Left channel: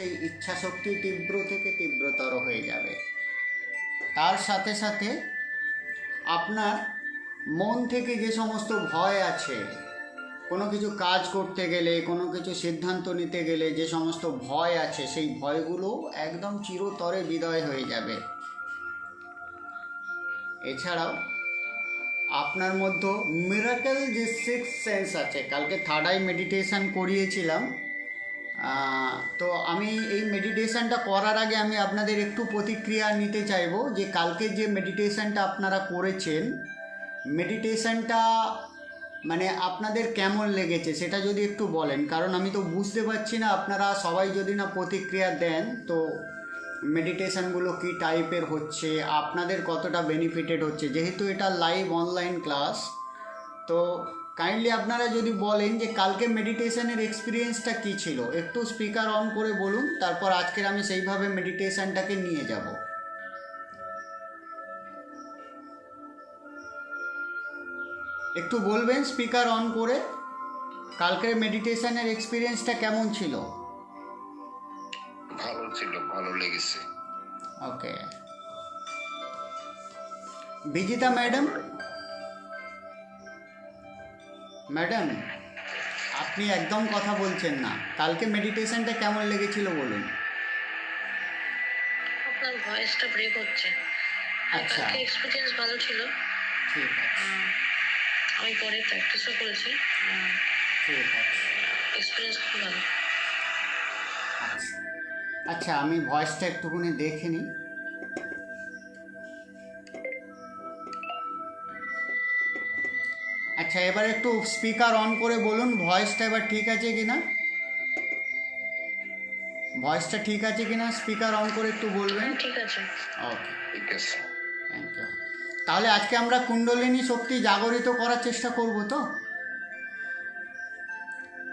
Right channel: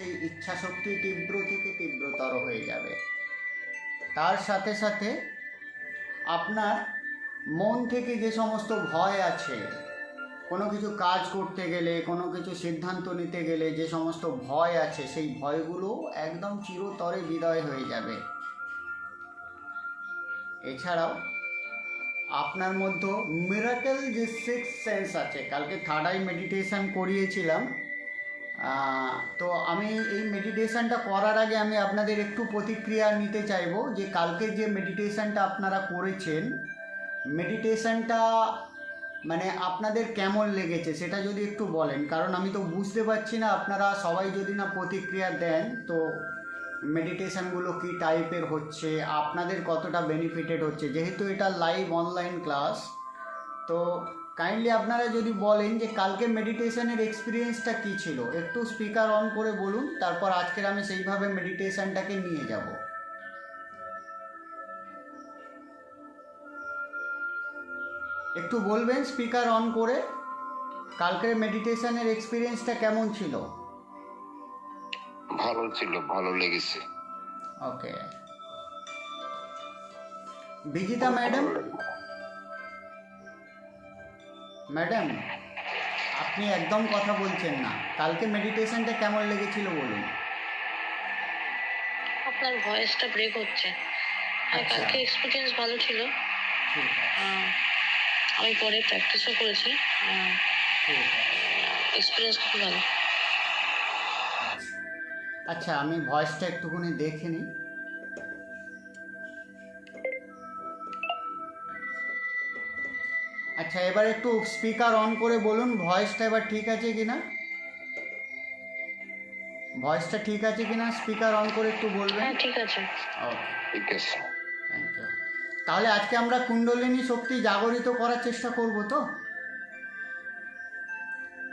সেই ইচ্ছা শক্তি তীব্র থেকে তীব্রতর হয়ে যাবে। তার সাথে সাথে আপনার মন থেকে যে সমস্ত ভয় আছে, কোনো কিছু কাজ করতে গেলে, কোনো কিছু সিদ্ধান্ত নিতে গেলে যে সমস্ত ভয় আছে, সেই ভয়গুলো একদম চিরতরে বিদায় হয়ে যাবে। এছাড়াও আপনার মধ্যে মিরাকেল যে সিক্স সেন্স আছে, কালকে থার্ড আই মেডিটেশন করিয়েছিলাম। তো আমি এই মেডিটেশনটা করার আগে আমি আপনাদের একটু প্রতিক্রিয়া নিতে চাইবো যে কালকে যে মেডিটেশনটা আপনারা করেছেন, মেডিটেশনটা মানে আপনাদের কেমন লেগেছে সেটা যদি একটু বলেন, কারণ আমি তো বুঝতে পারছি না। আপনারা সবাই যদি না প্রতিক্রিয়া দেন তো মেডিটেশনগুলো কী টাইপের হচ্ছে, আপনাদের কতটা বেনিফিটেড হচ্ছে, যেহেতু এটা লাইভ অনলাইন ক্লাস। তো কাইন্ডলি আপনারা যদি বলেন যে কালকে মেডিটেশনের এক্সপিরিয়েন্সটা কী ছিল, একটু স্পিকার অন করে বলুন, তারপর আজকের আমি সেইভাবে মেডিটেশনটাকে নিয়ে যাব। একটু বলবেন স্পিকার অন করে কালকের মেডিটেশনের এক্সপিরিয়েন্সটা কেমন ছিল? ভালো ছিল, ভালো লেগেছে। ওকে, বিজিতা ম্যাডাম, ম্যাডাম আপনি একদম কথা বলছেন না। কালকে মেডিটেশনটা কেমন লেগেছিল বলুন। আপনার ভয়েসটা ব্রেক হচ্ছে। আচ্ছা, কালকে এক্সপিরিয়েন্স ভালো ছিল। ঠিক আছে, আমি পরে প্র্যাকটিসও করেছি। ঠিক আছে। এক্সপিরিয়েন্স খুব ভালো। আচ্ছা, আমি ভয়েসটা একটুখানি দেখে নিই। আচ্ছা, এবার একটু স্পিকার অন করে বলুন ভয়েসটা এবার ঠিক আছে কিনা, ভয়েসটা ঠিক আছে কিনা, স্পিকার অন করে একটু বলবেন। ঠিক আছে। ওকে, ঠিক আছে। Thank you. তাহলে আজকে আমরা কুণ্ডলিনী শক্তি জাগরিত করার চেষ্টা করব তো?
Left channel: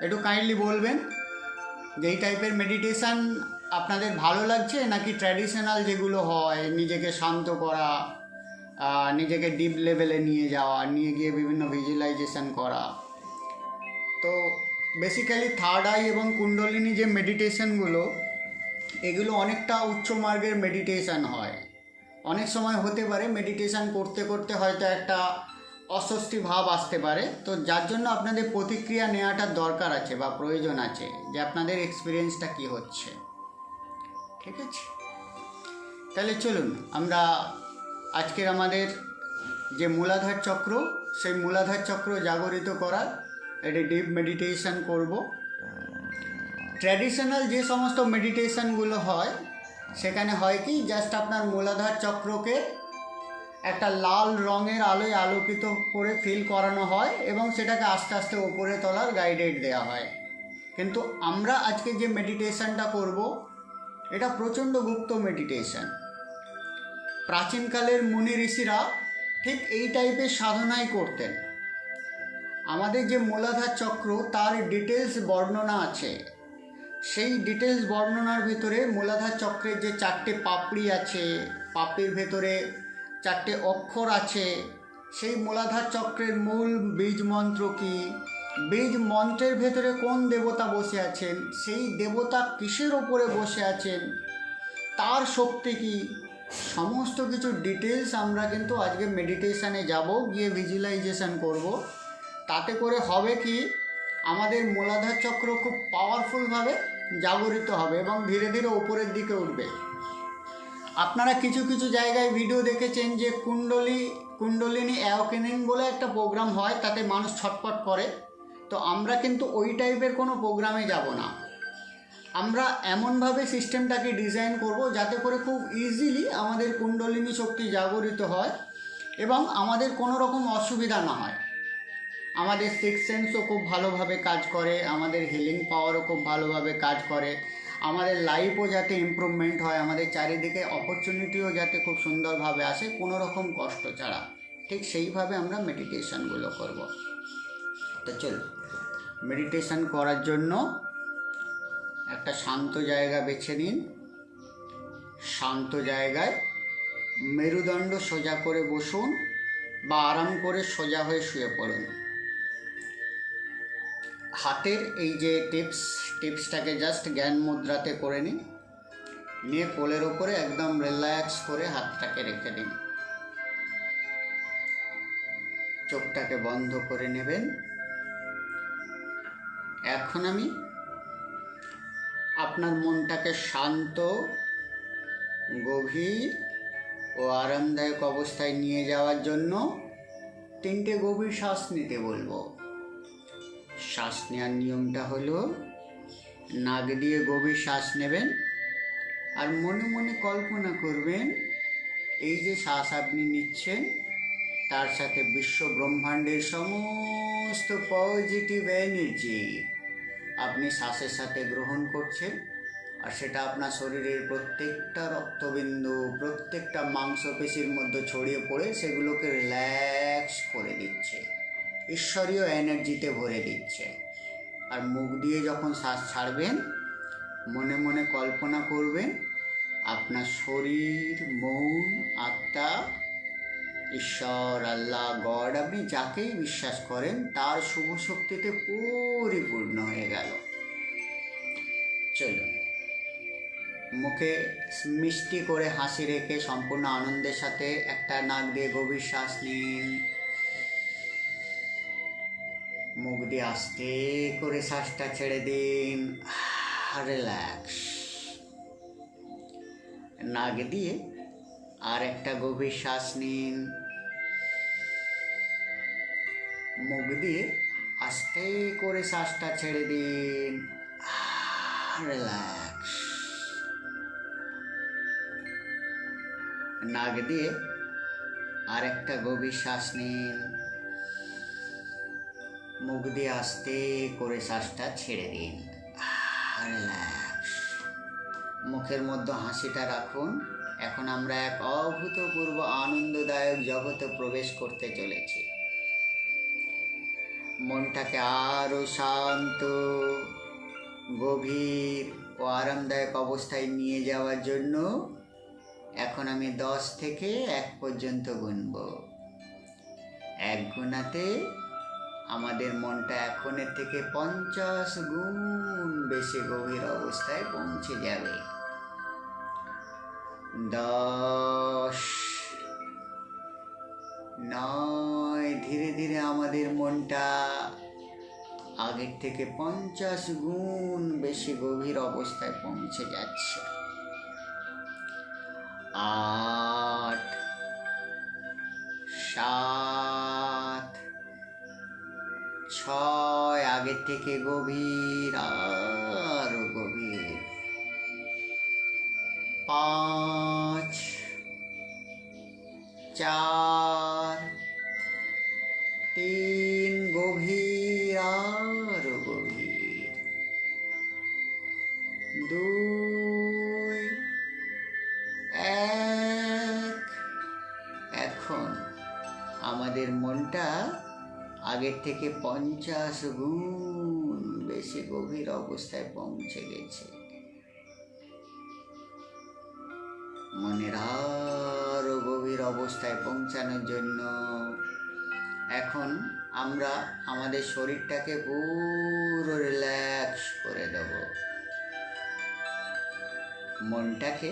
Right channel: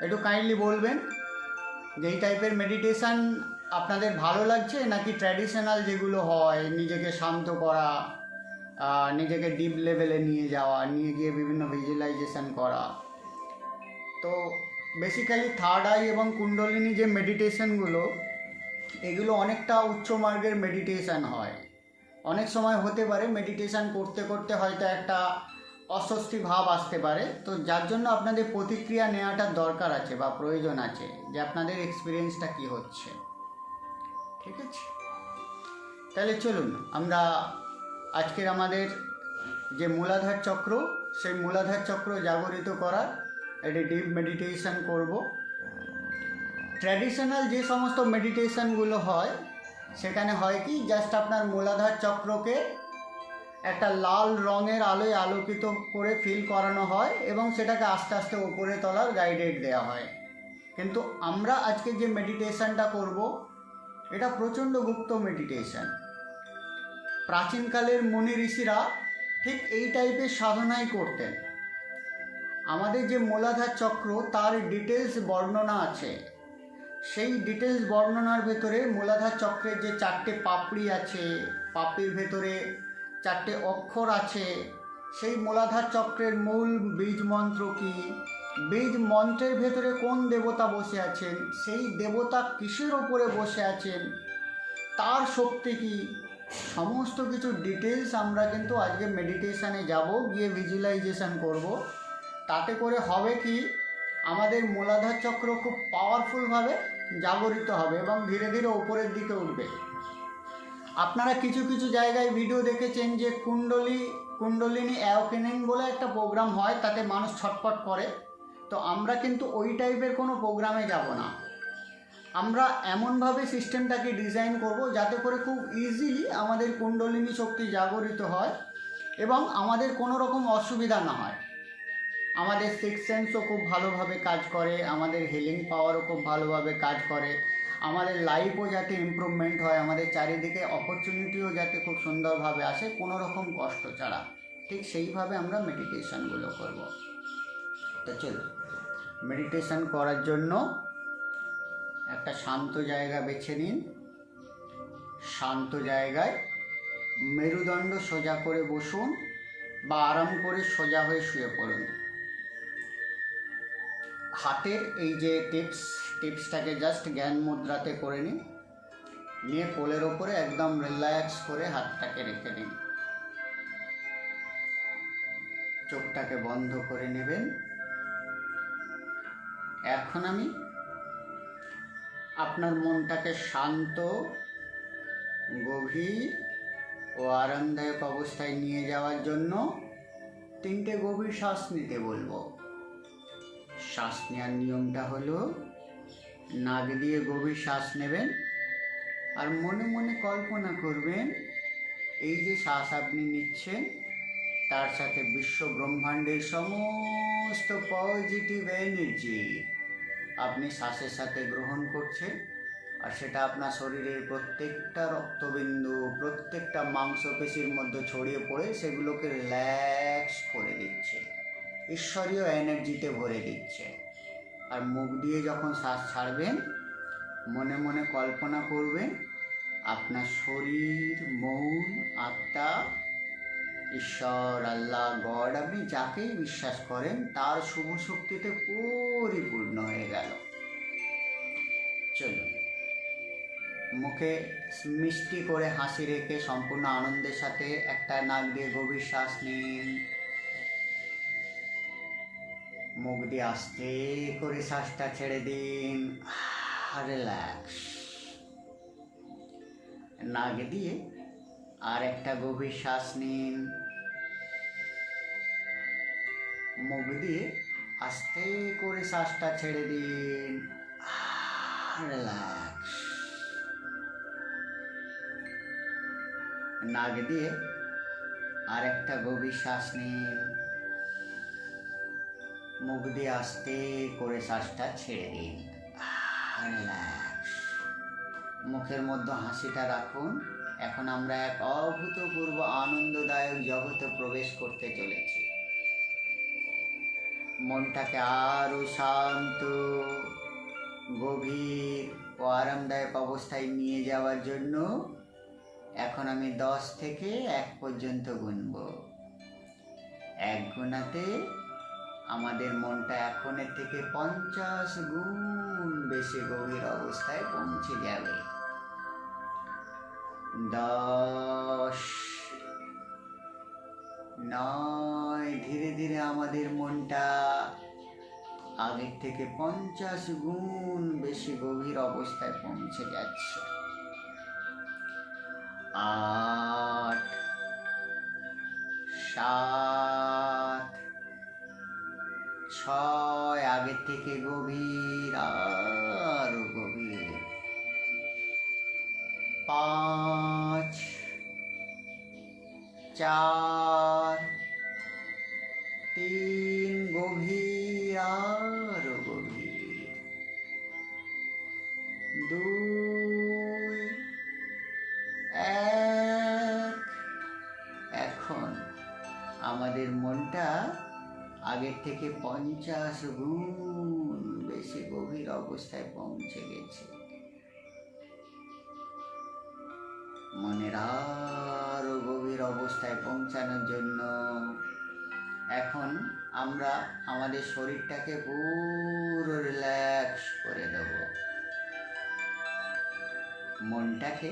একটু কাইন্ডলি বলবেন যে এই টাইপের মেডিটেশান আপনাদের ভালো লাগছে, নাকি ট্র্যাডিশনাল যেগুলো হয় নিজেকে শান্ত করা, নিজেকে ডিপ লেভেলে নিয়ে যাওয়া, নিয়ে গিয়ে বিভিন্ন ভিজুয়ালাইজেশন করা। তো বেসিক্যালি থার্ড আই এবং কুণ্ডলিনী যে মেডিটেশনগুলো, এগুলো অনেকটা উচ্চ মার্গের মেডিটেশান হয়। অনেক সময় হতে পারে মেডিটেশান করতে করতে হয়তো একটা অস্বস্তি ভাব আসতে পারে, তো যার জন্য আপনাদের প্রতিক্রিয়া নেওয়াটার দরকার আছে বা প্রয়োজন আছে যে আপনাদের এক্সপিরিয়েন্সটা কী হচ্ছে। ঠিক আছে, তাহলে চলুন আমরা আজকের আমাদের যে মূলাধার চক্র, সেই মূলাধার চক্র জাগরিত করার একটি ডিপ মেডিটেশান করব। ট্র্যাডিশনাল যে সমস্ত মেডিটেশানগুলো হয় সেখানে হয় কি, জাস্ট আপনার মূলাধার চক্রকে একটা লাল রঙের আলোয় আলোকিত করে ফিল করানো হয় এবং সেটাকে আস্তে আস্তে ওপরে তোলার গাইডেড দেওয়া হয়। কিন্তু আমরা আজকে যে মেডিটেশানটা করব এটা প্রচণ্ড গুপ্ত মেডিটেশান। প্রাচীনকালের মুনি ঋষিরা ঠিক এই টাইপের সাধনাই করতেন। আমাদের যে মূলাধার চক্র তার ডিটেলস বর্ণনা আছে। সেই ডিটেলস বর্ণনার ভেতরে মূলাধার চক্রের যে 4টে পাপড়ি আছে, পাপড়ির ভেতরে 4টে অক্ষর আছে, সেই মূলাধার চক্রের মূল বীজ মন্ত্র কী, বীজ মন্ত্রের ভেতরে কোন দেবতা বসে আছেন, সেই দেবতা কিসের ওপরে বসে আছেন, তার শক্তি কী, সমস্ত কিছু ডিটেলস আমরা কিন্তু আজকে মেডিটেশানে যাব, গিয়ে ভিজুয়ালাইজেশন করব। তাতে করে হবে কি, আমাদের মূলাধার চক্র খুব পাওয়ারফুলভাবে জাগরিত হবে এবং ধীরে ধীরে ওপরের দিকে উঠবে। আপনারা কিছু কিছু জায়গায় ভিডিও দেখেছেন যে কুণ্ডলিনী অ্যাওয়েকেনিং বলে একটা প্রোগ্রাম হয়, তাতে মানুষ ছটপট করে। তো আমরা কিন্তু ওই টাইপের কোনো প্রোগ্রামে যাব না। আমরা এমনভাবে সিস্টেমটাকে ডিজাইন করব যাতে করে খুব ইজিলি আমাদের কুণ্ডলিনী শক্তি জাগরিত হয় এবং আমাদের কোনো রকম অসুবিধা না হয়। আমাদের সিক্স সেন্সও খুব ভালোভাবে কাজ করে, আমাদের হিলিং পাওয়ারও খুব ভালোভাবে কাজ করে, আমাদের লাইফও যাতে ইমপ্রুভমেন্ট হয়, আমাদের চারিদিকে অপরচুনিটিও যাতে খুব সুন্দরভাবে আসে কোনো রকম কষ্ট ছাড়া, ঠিক সেইভাবে আমরা মেডিটেশানগুলো করব। তো চল, মেডিটেশান করার জন্য একটা শান্ত জায়গা বেছে নিন। শান্ত জায়গায় মেরুদণ্ড সোজা করে বসুন বা আরাম করে সোজা হয়ে শুয়ে পড়ুন। হাতের এই যে টিপসটাকে জাস্ট জ্ঞান মুদ্রাতে করে নিন, নিয়ে কোলের ওপরে একদম রিল্যাক্স করে হাতটাকে রেখে দিন। চোখটাকে বন্ধ করে নেবেন। এখন আমি আপনার মনটাকে শান্ত, গভীর ও আরামদায়ক অবস্থায় নিয়ে যাওয়ার জন্য 3টে গভীর শ্বাস নিতে বলবো। শ্বাস নেওয়ার নিয়মটা হলো, নাক দিয়ে গভীর শ্বাস নেবেন আর মনে মনে কল্পনা করবেন এই যে শ্বাস আপনি নিচ্ছেন তার সাথে বিশ্ব ব্রহ্মাণ্ডের সমস্ত পজিটিভ এনার্জি আপনি শ্বাসের সাথে গ্রহণ করছেন, আর সেটা আপনার শরীরের প্রত্যেকটা রক্তবিন্দু, প্রত্যেকটা মাংসপেশির মধ্যে ছড়িয়ে পড়ে সেগুলোকে রিল্যাক্স করে দিচ্ছে, ঈশ্বরীয় এনার্জিতে ভরে দিচ্ছে। আর মুখ দিয়ে যখন শ্বাস ছাড়বেন মনে মনে কল্পনা করবেন আপনার শরীর, মন, আত্মা, ঈশ্বর, আল্লাহ, গড, আপনি যাকেই বিশ্বাস করেন তার শুভ শক্তিতে পরিপূর্ণ হয়ে গেল। চলুন, মুখে মিষ্টি করে হাসি রেখে সম্পূর্ণ আনন্দের সাথে একটা নাক দিয়ে গভীর শ্বাস নিন, মুখ দিয়ে আস্তে করে শ্বাসটা ছেড়ে দিন, রিল্যাক্স। নাক দিয়ে আর একটা গভীর শ্বাস নিন, মুখ দিয়ে আস্তে করে শ্বাসটা ছেড়ে দিন, রিল্যাক্স। নাক দিয়ে আর একটা গভীর শ্বাস নিন, মুখ দিয়ে আস্তে করে শ্বাসটা ছেড়ে দিন, রিল্যাক্স। মুখের মধ্যে হাসিটা রাখুন। এখন আমরা এক অভূতপূর্ব আনন্দদায়ক জগতে প্রবেশ করতে চলেছি। মনটাকে আরও শান্ত, গভীর ও আরামদায়ক অবস্থায় নিয়ে যাওয়ার জন্য এখন আমি 10 থেকে 1 পর্যন্ত গুনব। 1 গুণাতে আমাদের মনটা এখনের থেকে 50 গুণ বেশি গভীর অবস্থায় পৌঁছে যাবে। 10, 9, ধীরে ধীরে আমাদের মনটা আগের থেকে 50 গুণ বেশি গভীর অবস্থায় পৌঁছে যাচ্ছে। 8, 7, 6, আগের থেকে গভীর, আরো গভীর। 5, 4, 3, গভীর, আরো গভীর। 2, 1। এখন আমাদের মনটা আগের থেকে 50 গুণ বেশি গভীর অবস্থায় পৌঁছে গেছে। মনের আরো গভীর অবস্থায় পৌঁছানোর জন্য এখন আমরা আমাদের শরীরটাকে পুরো রিল্যাক্স করে দেব। মনটাকে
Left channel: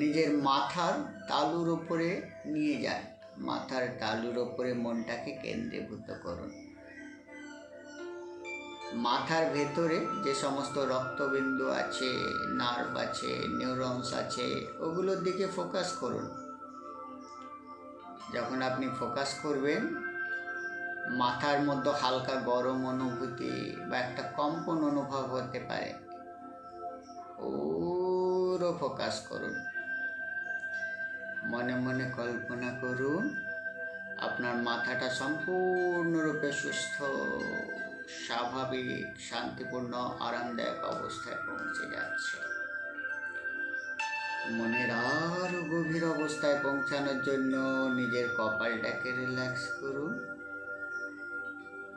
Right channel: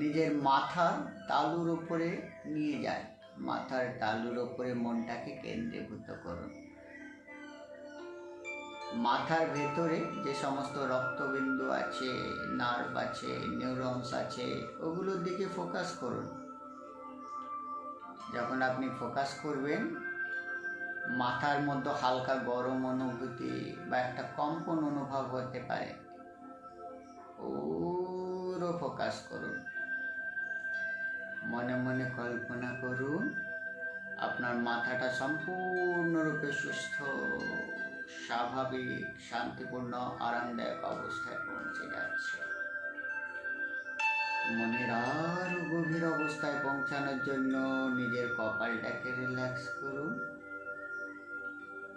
নিজের মাথার তালুর উপরে নিয়ে যান, মাথার তালুর উপরে মনটাকে কেন্দ্রীভূত করুন। মাথার ভেতরে যে সমস্ত রক্তবিন্দু আছে, নার্ভ আছে, নিউরনস আছে, ওগুলোর দিকে ফোকাস করুন। যখন আপনি ফোকাস করবেন মাথার মধ্যে হালকা গরম অনুভূতি বা একটা কম্পন অনুভব হতে পারে। পুরো ফোকাস করুন। মনে মনে কল্পনা করুন আপনার মাথাটা সম্পূর্ণরূপে সুস্থ, স্বাভাবিক, শান্তিপূর্ণ, আরামদায়ক অবস্থায় পৌঁছে যাচ্ছে। মনের আরো গভীর অবস্থায় পৌঁছানোর জন্য নিজের কপালটাকে রিল্যাক্স করুন।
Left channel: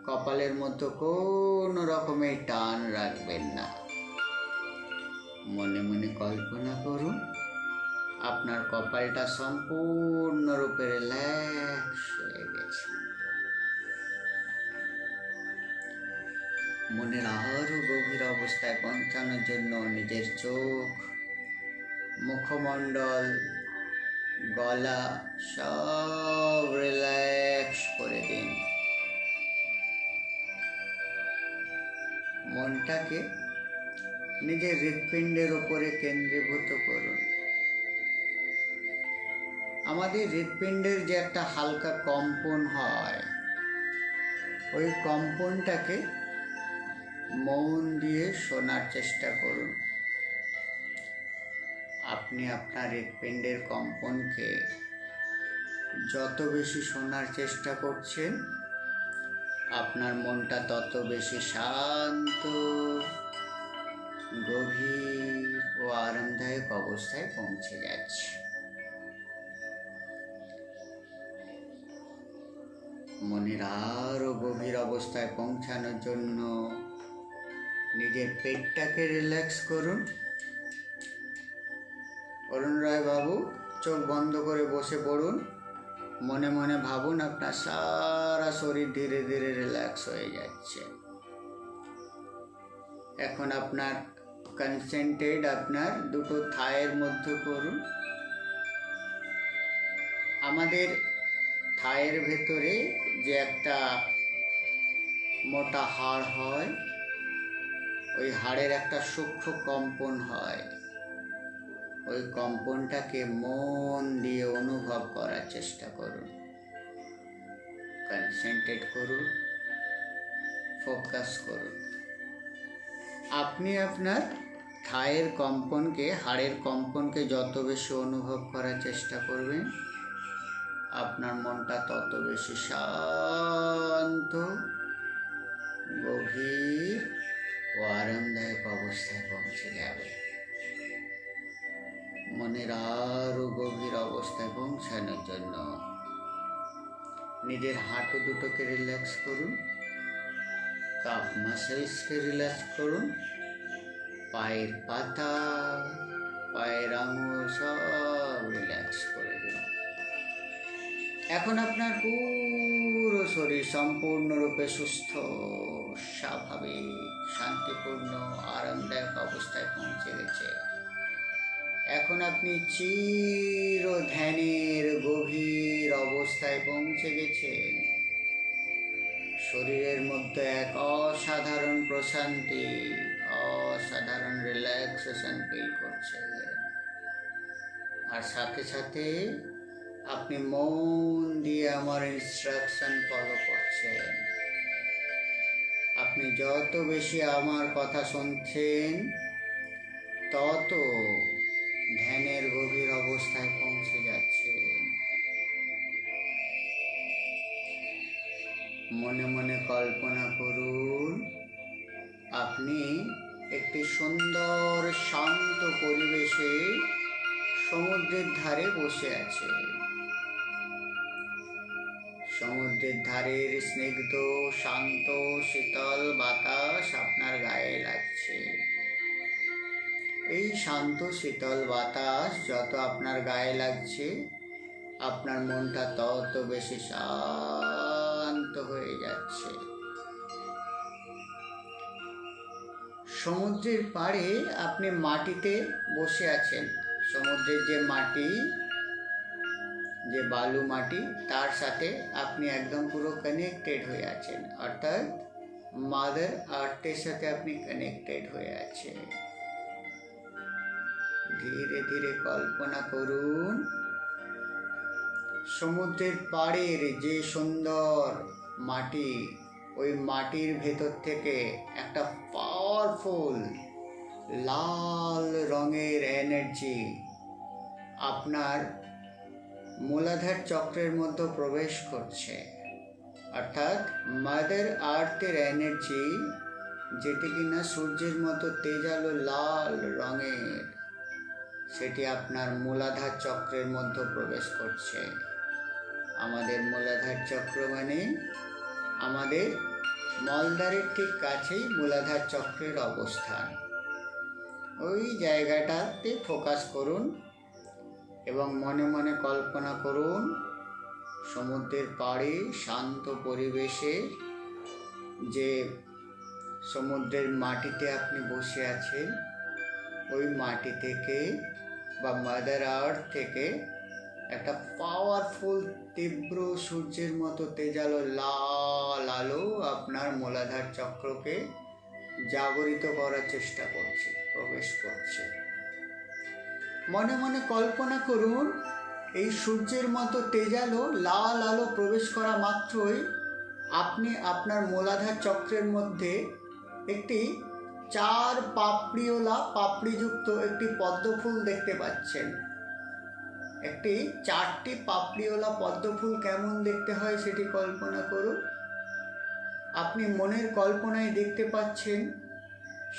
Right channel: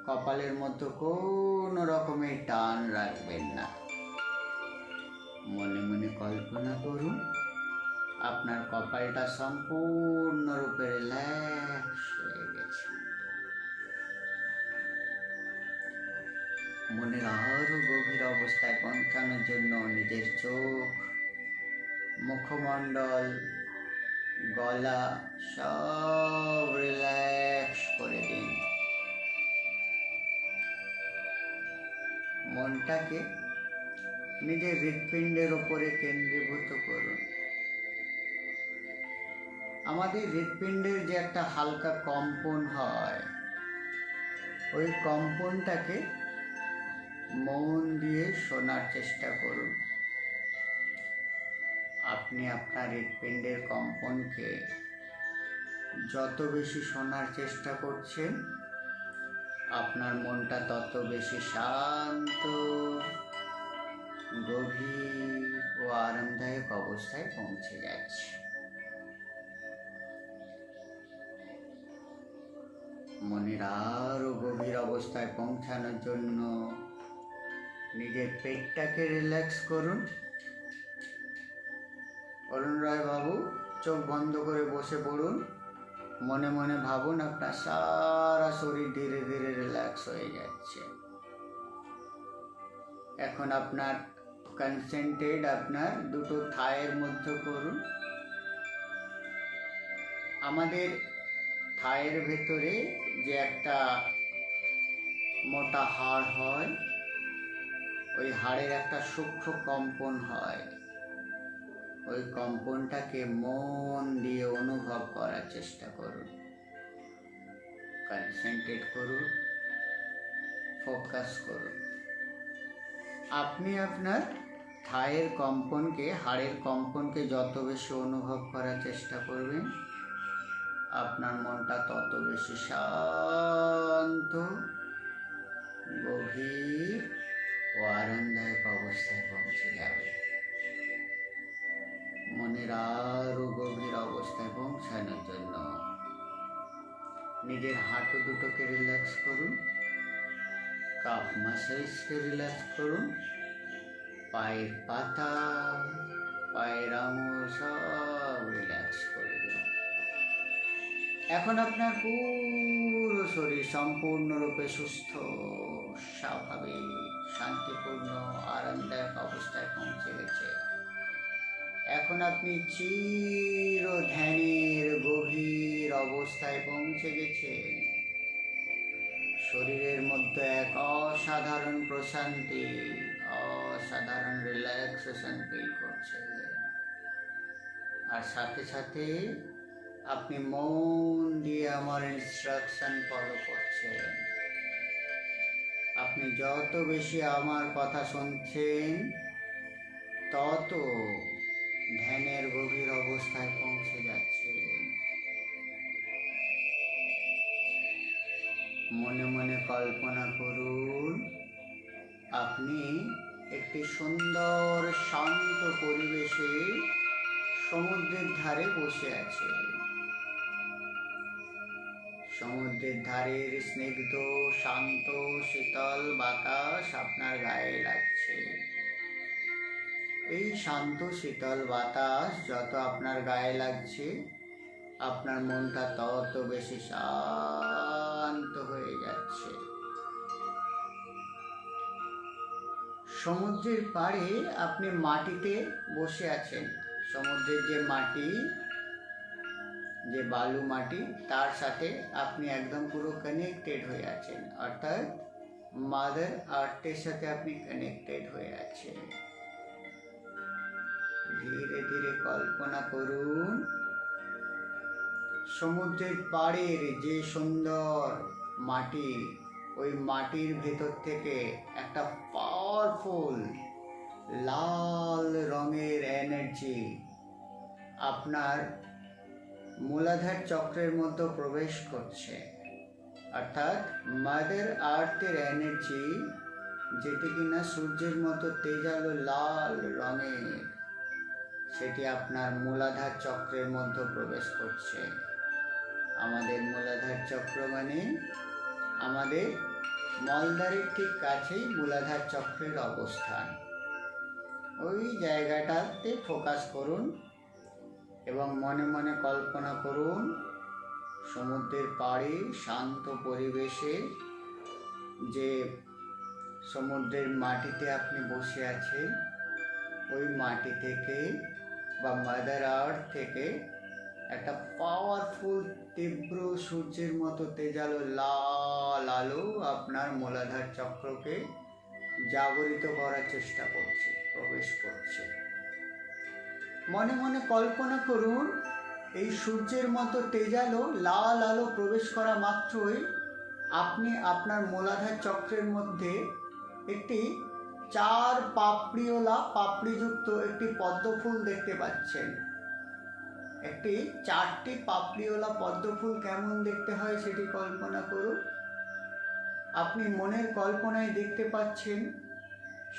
কপালের মধ্যে কোনো রকমের টান রাখবেন না। মনে মনে কল্পনা করুন আপনার কপালটা সম্পূর্ণরূপে রিল্যাক্স হয়ে গেছে। মনের আরও গভীর অবস্থায় পৌঁছানোর জন্য নিজের চোখ, মুখমণ্ডল, গলা সব রিল্যাক্স করে দিন। মনটাকে নিজের হৃৎপিণ্ডের ওপরে কেন্দ্রীভূত করুন। আমাদের হৃৎপিণ্ডের যে একটা হালকা কম্পন হয়, ওই কম্পনটাকে মন দিয়ে শোনার চেষ্টা করুন। আপনি আপনার হৃৎপিণ্ডের কম্পনকে যত বেশি শোনার চেষ্টা করছেন, আপনার মনটা তত বেশি শান্ত, গভীর ও আরামদায়ক অবস্থায় পৌঁছে যাচ্ছে। মনের আরও গভীর অবস্থায় পৌঁছানোর জন্য নিজের পেটটাকে রিল্যাক্স করুন। অরুণ রায় বাবু, চোখ বন্ধ করে বসে পড়ুন। মনে মনে ভাবুন আপনার সারা শরীর ধীরে ধীরে রিল্যাক্স হয়ে যাচ্ছে। এখন আপনার কনসেন্ট্রেট আপনার দুটো থায়ের মধ্যে করুন। আমাদের থায়ের ভেতরে যে একটা মোটা হাড় হয়, ওই হাড়ের একটা সূক্ষ্ম কম্পন হয়। ওই কম্পনটাকে মন দিয়ে অনুভব করার চেষ্টা করুন। কনসেন্ট্রেট করুন, ফোকাস করুন। আপনি আপনার থায়ের কম্পনকে, হাড়ের কম্পনকে যত বেশি অনুভব করার চেষ্টা করবেন, আপনার মনটা তত বেশি শান্ত, গভীর ও আরামদায়ক অবস্থায় পৌঁছে যাবে। মনের আরও গভীর অবস্থায় পৌঁছানোর জন্য নিজের হাঁটু দুটোকে রিল্যাক্স করুন, কাফ মাসেলসকে রিল্যাক্স করুন, পায়ের পাতা, পায়ের আঙুল সব রিল্যাক্স করে দিন। এখন আপনার পুরো শরীর সম্পূর্ণরূপে সুস্থ, স্বাভাবিক, শান্তিপূর্ণ, আরামদায়ক অবস্থায় পৌঁছে গেছে। এখন আপনি চির ধ্যানের গভীর অবস্থায় পৌঁছে গেছেন। শরীরের মধ্যে এক অসাধারণ প্রশান্তি, অসাধারণ রিল্যাক্সেশন ফিল করছেন। আর সাথে সাথে আপনি মন দিয়ে আমার ইনস্ট্রাকশন ফলো করছেন। আপনি যত বেশি আমার কথা শুনছেন, তত ধ্যানের গভীর অবস্থায় পৌঁছে যাচ্ছে। মনে মনে কল্পনা করুন, আপনি একটি সুন্দর শান্ত পরিবেশে সমুদ্রের ধারে বসে আছেন। সমুদ্রের ধারের স্নিগ্ধ, শান্ত, শীতল বাতাস আপনার গায়ে লাগছে। এই শান্ত শীতল বাতাস যত আপনার গায়ে লাগছে, আপনার মনটা তত বেশি শান্ত হয়ে যাচ্ছে। সমুদ্রের পাড়ে আপনি মাটিতে বসে আছেন। সমুদ্রের যে মাটি, যে বালু মাটি, তার সাথে আপনি একদম পুরো কানেক্টেড হয়ে আছেন, অর্থাৎ মাদার আর্থের সাথে আপনি কানেক্টেড হয়ে আছেন। ধীরে ধীরে কল্পনা করুন, সমুদ্রের পাড়ের যে সুন্দর মাটি, ওই মাটির ভেতর থেকে একটা পাওয়ারফুল লাল রঙের এনার্জি আপনার মূলাধার চক্রের মধ্যে প্রবেশ করছে। অর্থাৎ মাদার আর্থের এনার্জি, যেটি কিনা সূর্যের মতো তেজালো লাল রঙের, সেটি আপনার মূলাধার চক্রের মধ্যে প্রবেশ করছে। আমাদের মূলাধার চক্র মানে আমাদের মলদ্বারের ঠিক কাছেই মূলাধার চক্রের অবস্থান। ওই জায়গাটাতে ফোকাস করুন এবং মনে মনে কল্পনা করুন, সমুদ্রের পাড়ে শান্ত পরিবেশে যে সমুদ্রের মাটিতে আপনি বসে আছেন, ওই মাটি থেকে বা মাদার আর্থ থেকে একটা পাওয়ারফুল তীব্র সূর্যের মতো তেজালো লাল আলো আপনার মূলাধার চক্রকে জাগরিত করার চেষ্টা করছে, প্রবেশ করছে। মনে মনে কল্পনা করুন, এই সূর্যের মতো তেজালো লাল আলো প্রবেশ করা মাত্রই আপনি আপনার মূলাধার চক্রের মধ্যে একটি 4 পাপড়িওয়ালা পাপড়িযুক্ত একটি পদ্মফুল দেখতে পাচ্ছেন। একটি 4টি পাপড়িওয়ালা পদ্মফুল কেমন দেখতে হয় সেটি কল্পনা করুন। আপনি মনের কল্পনায় দেখতে পাচ্ছেন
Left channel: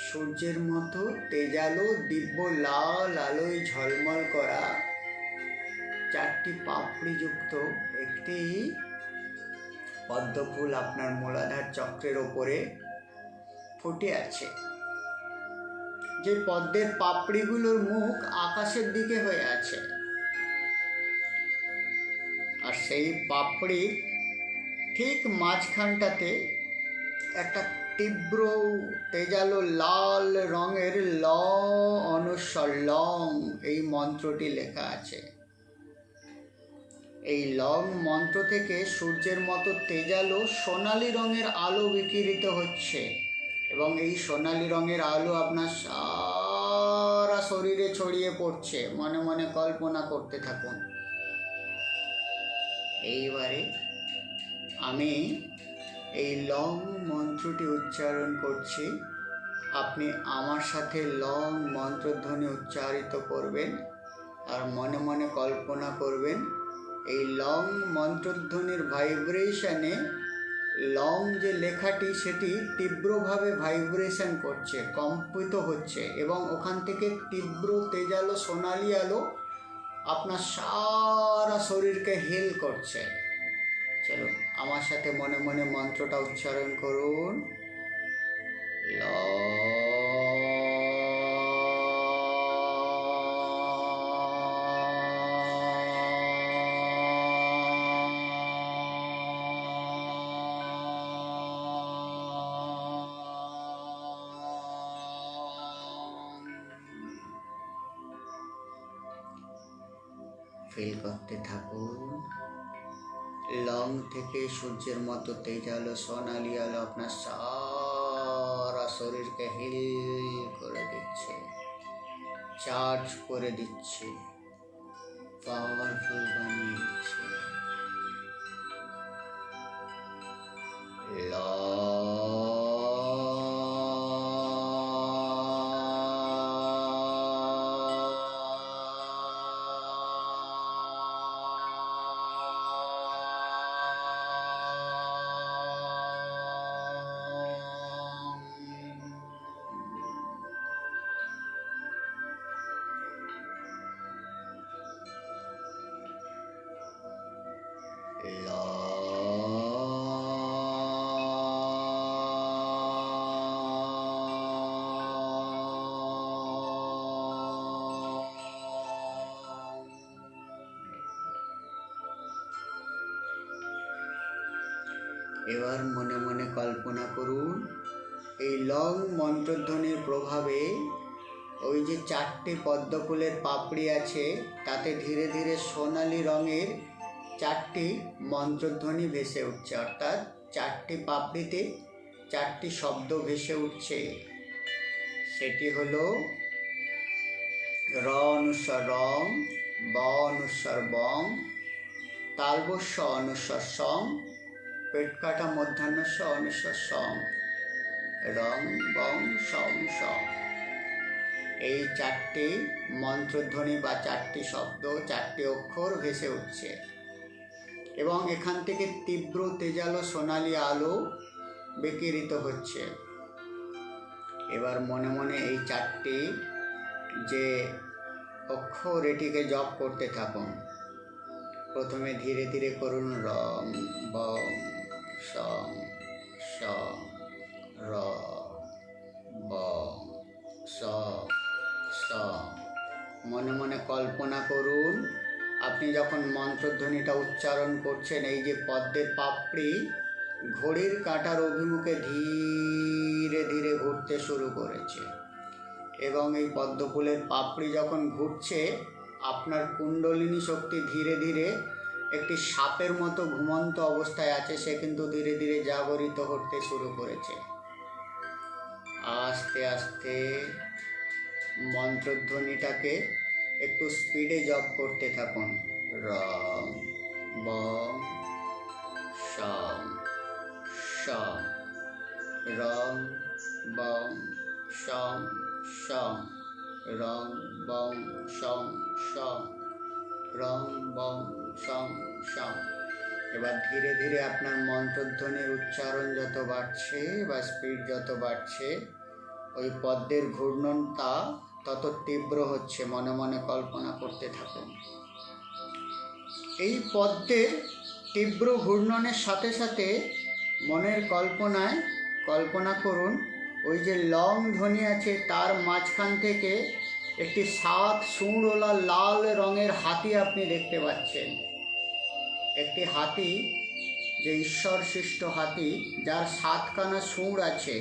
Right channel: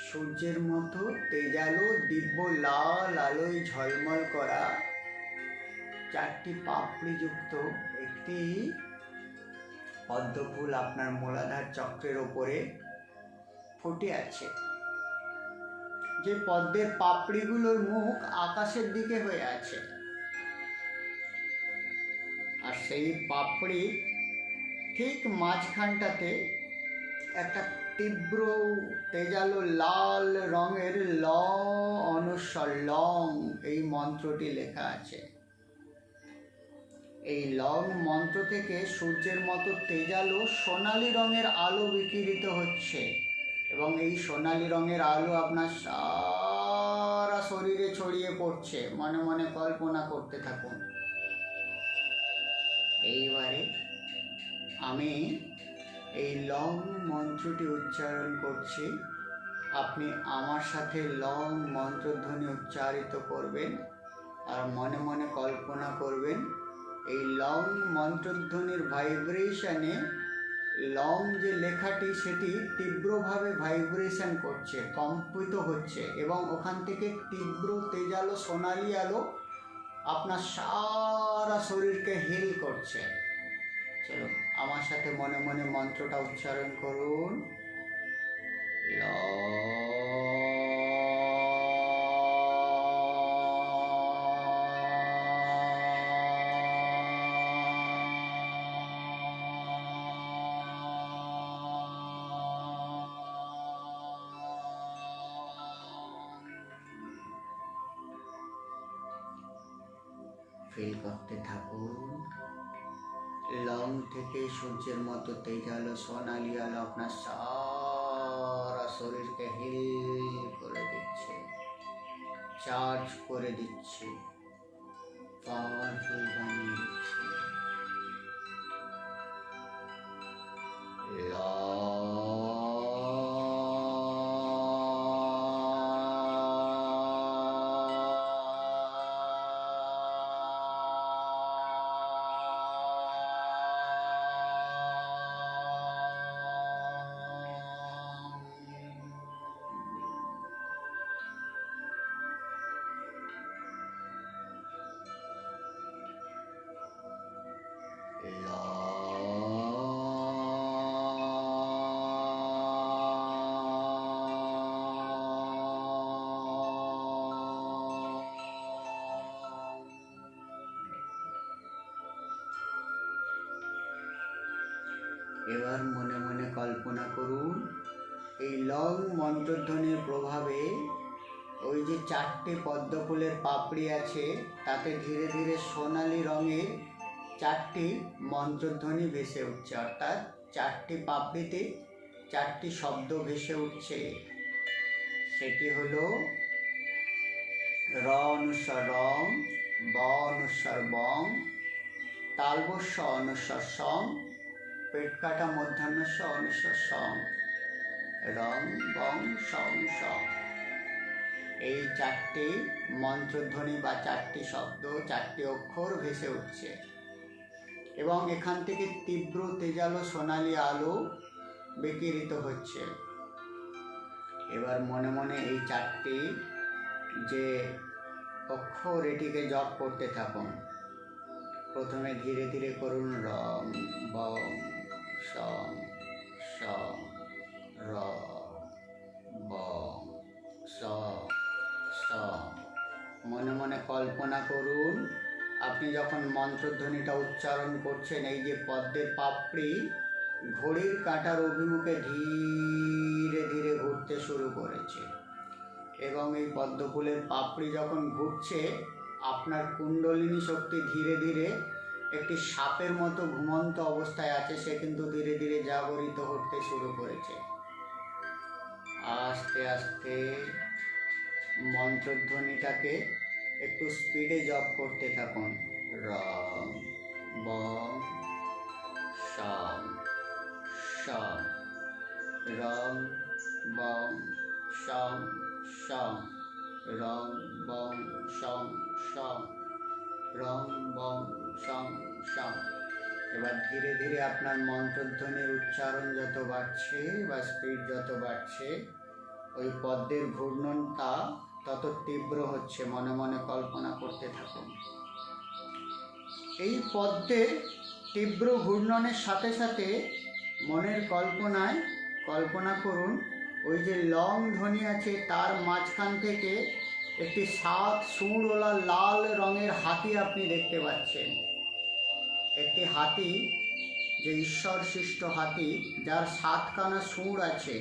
সূর্যের মতো তেজালো দিব্য লাল আলোয় ঝলমল করা 4টি পাপড়িযুক্ত একটি পদ্মফুল আপনার মূলাধার চক্রের ওপরে ফুটে আছে। যে পদ্মের পাপড়িগুলোর মুখ আকাশের দিকে হয়ে আছে, আর সেই পাপড়ির ঠিক মাঝখানটাতে একটা তীব্র তেজালো লাল রঙের ল অনুস্বর লং এই মন্ত্রটি লেখা আছে। এই লং মন্ত্র থেকে সূর্যের মতো তেজালো সোনালি রঙের আলো বিকিরিত হচ্ছে, এবং এই সোনালি রঙের আলো আপনার সারা শরীরে ছড়িয়ে পড়ছে। মনে মনে কল্পনা করতে থাকুন। এইবারে আমি এই লং মন্ত্রটি উচ্চারণ করছি, আপনি আমার সাথে লং মন্ত্রধ্বনি উচ্চারিত করবেন, আর মনে মনে কল্পনা করবেন এই লং মন্ত্রধ্বনির ভাইব্রেশনে লং যে লেখাটি সেটি তীব্রভাবে ভাইব্রেশন করছে, কম্পিত হচ্ছে, এবং ওখান থেকে তীব্র তেজালো সোনালি আলো আপনার সারা শরীরকে হিল করছে। চলো আমার সাথে মনে মনে মন্ত্রটা উচ্চারণ করুন। ল ফিল করতে থাকুন। লং থেকে সূর্যের মতো তেজালো সোনালি আলো আপনার সারা শরীরকে হিল করে দিচ্ছে, চার্জ করে দিচ্ছে, পাওয়ারফুল বানিয়ে দিচ্ছে। এবার মনে মনে কল্পনা করুন, এই লং মন্ত্রধ্বনির প্রভাবে ওই যে 4টে পদ্মফুলের পাপড়ি আছে তাতে ধীরে ধীরে সোনালি রঙের 4টি মন্ত্রধ্বনি ভেসে উঠছে, অর্থাৎ 4টি পাপড়িতে 4টি শব্দ ভেসে উঠছে। সেটি হলো র অনুস্বর রং, ব অনুস্বর বং, তালবস্য অনুস্বর সং, পেট কাটা মধ্যাহ্নস্য অনুস্বর সং, রং বং সং সং। এই 4টি মন্ত্রধ্বনি বা 4টি শব্দ, 4টি অক্ষর ভেসে উঠছে, এবং এখান থেকে তীব্র তেজালো সোনালি আলো বিকিরিত হচ্ছে। এবার মনে মনে এই 4টি যে অক্ষর এটিকে জপ করতে থাকুন। প্রথমে ধীরে ধীরে করুন রং বং সং স র বং স স। মনে মনে কল্পনা করুন আপনি যখন মন্ত্রধ্বনিটা উচ্চারণ করছেন, এই যে পদ্মের পাপড়ি ঘড়ির কাঁটার অভিমুখে ধীরে ধীরে ঘুরতে শুরু করেছে। এবং এই পদ্মফুলের পাপড়ি যখন ঘুরছে, আপনার কুণ্ডলিনী শক্তি ধীরে ধীরে একটি সাপের মতো ঘুমন্ত অবস্থায় আছে, সে কিন্তু ধীরে ধীরে জাগরিত হতে শুরু করেছে। আস্তে আস্তে মন্ত্রধ্বনিটাকে একটু স্পিডে জপ করতে থাকুন। রং বং শম শম, রং বং শম শম, রং বং শম শম, রং বং শম শম। এবার ধীরে ধীরে আপনার মন্ত্রধ্বনির উচ্চারণ যত বাড়ছে বা স্পিড যত বাড়ছে, ওই পদ্মের ঘূর্ণনটা তত তীব্র হচ্ছে। মনে মনে কল্পনা করতে থাকুন। এই পদ্মের তীব্র ঘূর্ণনের সাথে সাথে মনের কল্পনায় কল্পনা করুন, ওই যে লং ধ্বনি আছে তার মাঝখান থেকে একটি 7 সুঁড়ওয়ালা লাল রঙের হাতি আপনি দেখতে পাচ্ছেন। একটি হাতি, যে ঈশ্বর সৃষ্ট হাতি, যার 7খানা সুঁড় আছে,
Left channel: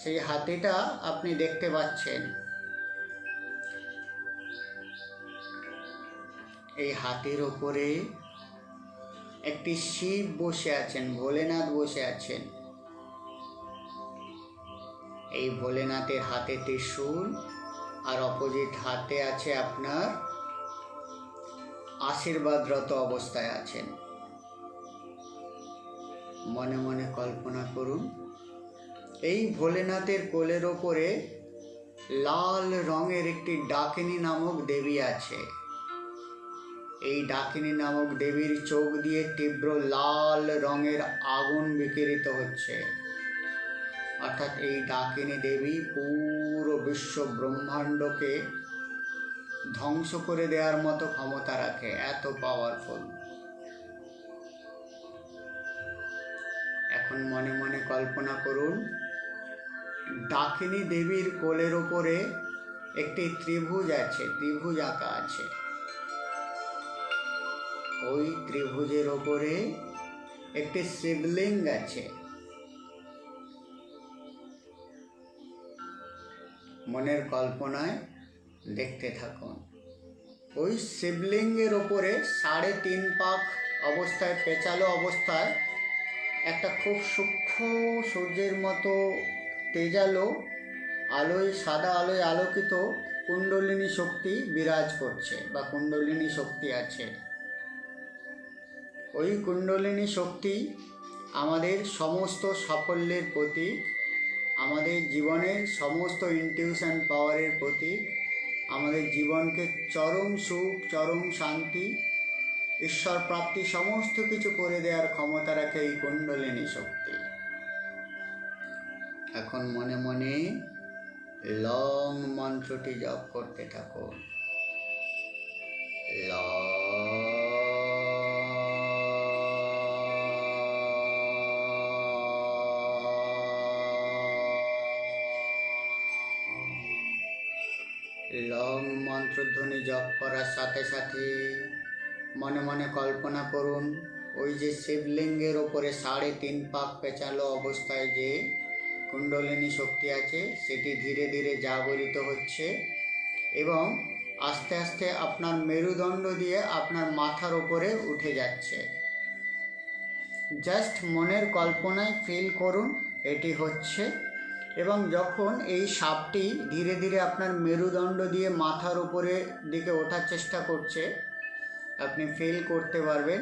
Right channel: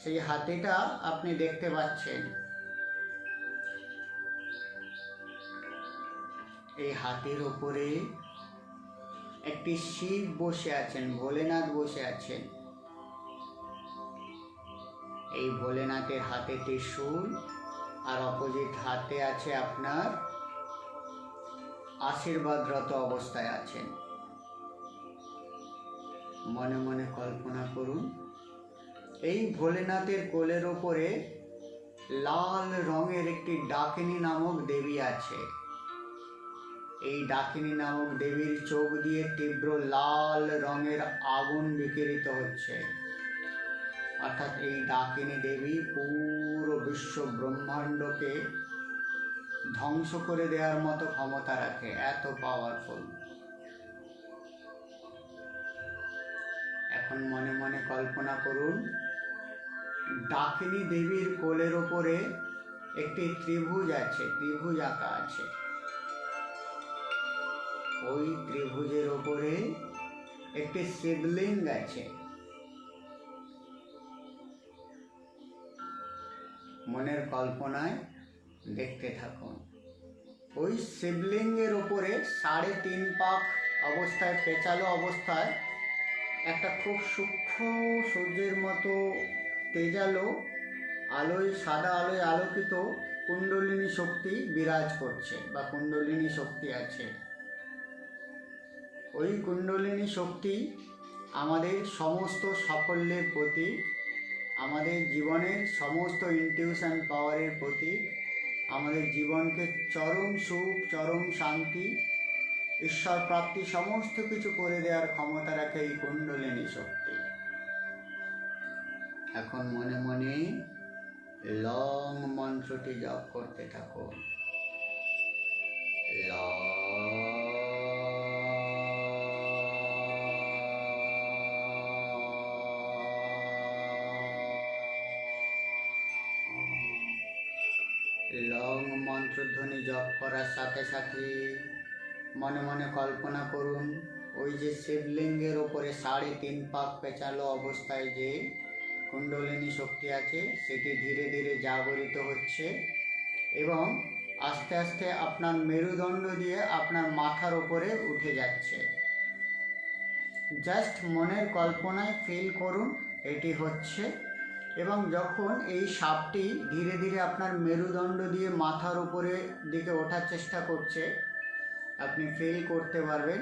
সেই হাতিটা আপনি দেখতে পাচ্ছেন। এই হাতির ওপরে একটি শিব বসে আছেন, ভোলেনাথ বসে আছেন। এই ভোলেনাথের হাতে ত্রিশূল, আর অপোজিট হাতে আছে আপনার আশীর্বাদরত অবস্থায় আছেন। মনে মনে কল্পনা করুন, এই ভোলেনাথের কোলের ওপরে লাল রঙের একটি ডাকিনী নামক দেবী আছে। এই ডাকিনী নামক দেবীর চোখ দিয়ে তীব্র লাল রঙের আগুন বিকিরিত হচ্ছে। অর্থাৎ এই ডাকিনী দেবী পুরো বিশ্ব ব্রহ্মাণ্ডকে ধ্বংস করে দেওয়ার মতো ক্ষমতা রাখে, এত পাওয়ারফুল। এখন মনে মনে কল্পনা করুন, ডাকিনী দেবীর কোলের ওপরে একটি ত্রিভুজ আছে, ত্রিভুজ আঁকা আছে। ওই ত্রিভুজের ওপরে একটি শিবলিঙ্গ আছে। মনের কল্পনায় দেখতে থাকুন। ওই শিবলিঙ্গের ওপরে 3.5 পাক অবস্থায়, পেঁচালো অবস্থায়, একটা খুব সূক্ষ্ম সূর্যের মতো তেজালো আলোয়, সাদা আলোয় আলোকিত কুণ্ডলিনী শক্তি বিরাজ করছে বা কুণ্ডলিনী শক্তি আছে। ওই কুণ্ডলিনী শক্তি আমাদের সমস্ত সাফল্যের প্রতীক, আমাদের জীবনের সমস্ত ইনটিউশন পাওয়ারের প্রতীক, আমাদের জীবনকে চরম সুখ, চরম শান্তি, ঈশ্বর প্রাপ্তি সমস্ত কিছু করে দেওয়ার ক্ষমতা রাখে এই কুণ্ডলিনী শক্তি। এখন মনে মনে লং মন্ত্রটি জপ করতে থাকুন। লং মন্ত্রধ্বনি জপ করার সাথে সাথে মনে মনে কল্পনা করুন, ওই যে শিবলিঙ্গের ওপরে 3.5 পাক পেঁচালো অবস্থায় যে কুণ্ডলিনী শক্তি আছে, সেটি ধীরে ধীরে জাগরিত হচ্ছে এবং আস্তে আস্তে আপনার মেরুদণ্ড দিয়ে আপনার মাথার ওপরে উঠে যাচ্ছে। জাস্ট মনের কল্পনায় ফিল করুন এটি হচ্ছে। এবং যখন এই সাপটি ধীরে ধীরে আপনার মেরুদণ্ড দিয়ে মাথার উপরে দিকে ওঠার চেষ্টা করছে, আপনি ফিল করতে পারবেন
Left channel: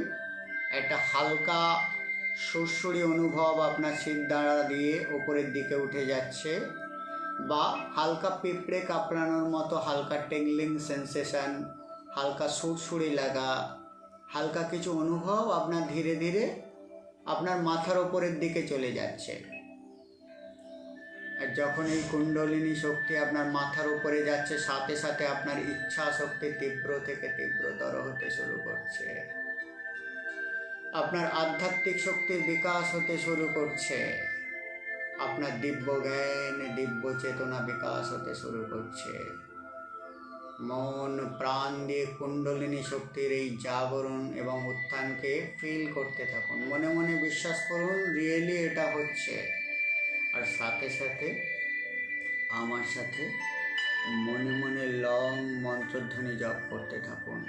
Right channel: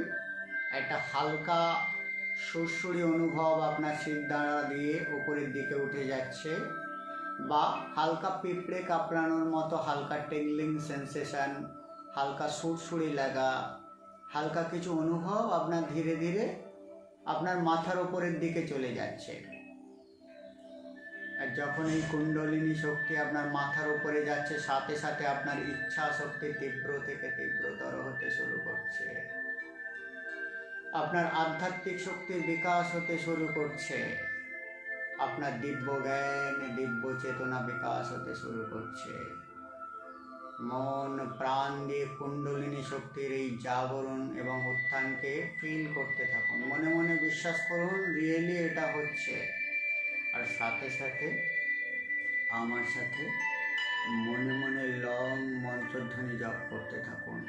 একটা হালকা সুরসুরি অনুভব আপনার শিরদাঁড়া দিয়ে উপরের দিকে উঠে যাচ্ছে, বা হালকা পিঁপড়ে কাঁপড়ানোর মতো হালকা টেংলিং সেন্সেশন, হালকা সুরসুরি লাগা, হালকা কিছু অনুভব আপনার ধীরে ধীরে আপনার মাথার ওপরের দিকে চলে যাচ্ছে। আর যখন এই কুণ্ডলিনী শক্তি আপনার মাথার উপরে যাচ্ছে, সাথে সাথে আপনার ইচ্ছা শক্তি তীব্র থেকে তীব্রতর হতে শুরু করছে। আপনার আধ্যাত্মিক শক্তির বিকাশ হতে শুরু করছে। আপনার দিব্য জ্ঞান, দিব্য চেতনা বিকাশ হতে শুরু করছে। মন প্রাণ দিয়ে কুণ্ডলিনী শক্তির এই জাগরণ এবং উত্থানকে ফিল করতে থাকুন। মনে মনে বিশ্বাস করুন রিয়েলি এটা হচ্ছে। আর সাথে সাথে আমার সাথে মনে মনে লং মন্ত্রধ্বনি জপ করতে থাকুন।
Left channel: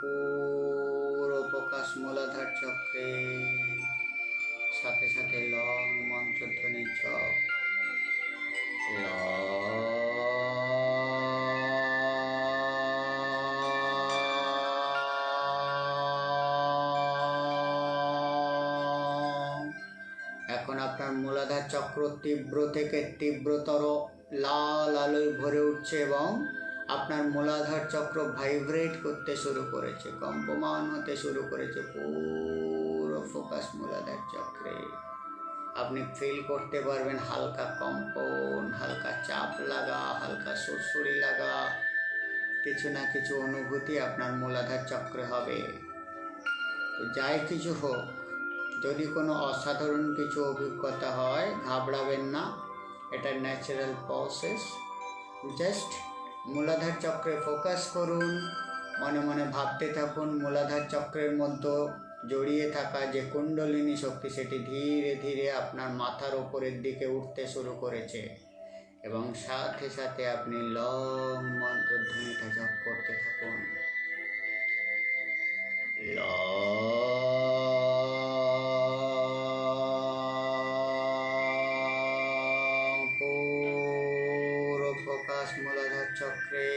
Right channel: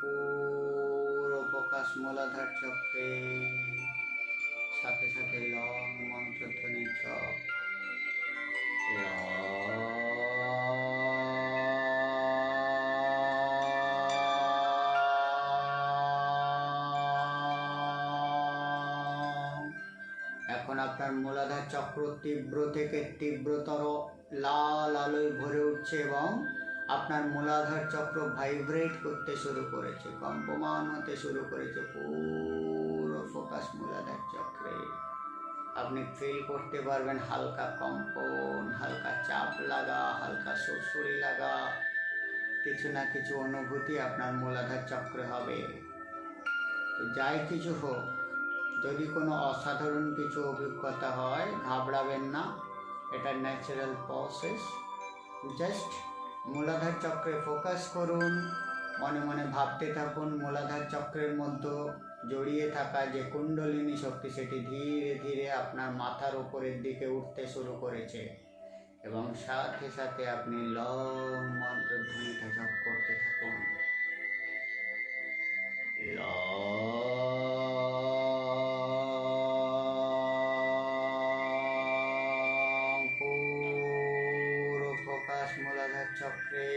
পুরো প্রকাশ মূলাধার চক্রে, সাথে সাথে লং মন্ত্রধ্বনি জপ। এখন আপনার মূলাধার চক্র তীব্র থেকে তীব্রতর লাল আলোয় ভরে উঠছে এবং আপনার মূলাধার চক্র ভাইব্রেট করতে শুরু করেছে, কম্পমান হতে শুরু করেছে। পুরো ফোকাস মূলাধার চক্রে আপনি ফিল করতে পারবেন হালকা কম্পন, হালকা চাপ লাগা, হালকা সুরসুরি লাগা, কিছু না কিছু অনুভূতি আপনার মূলাধার চক্রে হবে। তো যাই কিছু হোক, যদি কোনো অসাধারণ কিছু অভিজ্ঞতা হয় ঘাবড়াবেন না, এটা ন্যাচারাল প্রসেস। জাস্ট মূলাধার চক্রে ফোকাস করুন, মনে মনে ভাবতে থাকুন মূলাধার চক্রের মধ্যে জড়িয়ে থাকা যে কুণ্ডলিনী শক্তি সেটি ধীরে ধীরে আপনার মাথার ওপরের দিকে উঠতে শুরু করেছে এবং সাথে সাথে আপনি লং মন্ত্রধ্বনিটা জপ করতে থাকুন। পুরো ফোকাস মূলাধার চক্রে।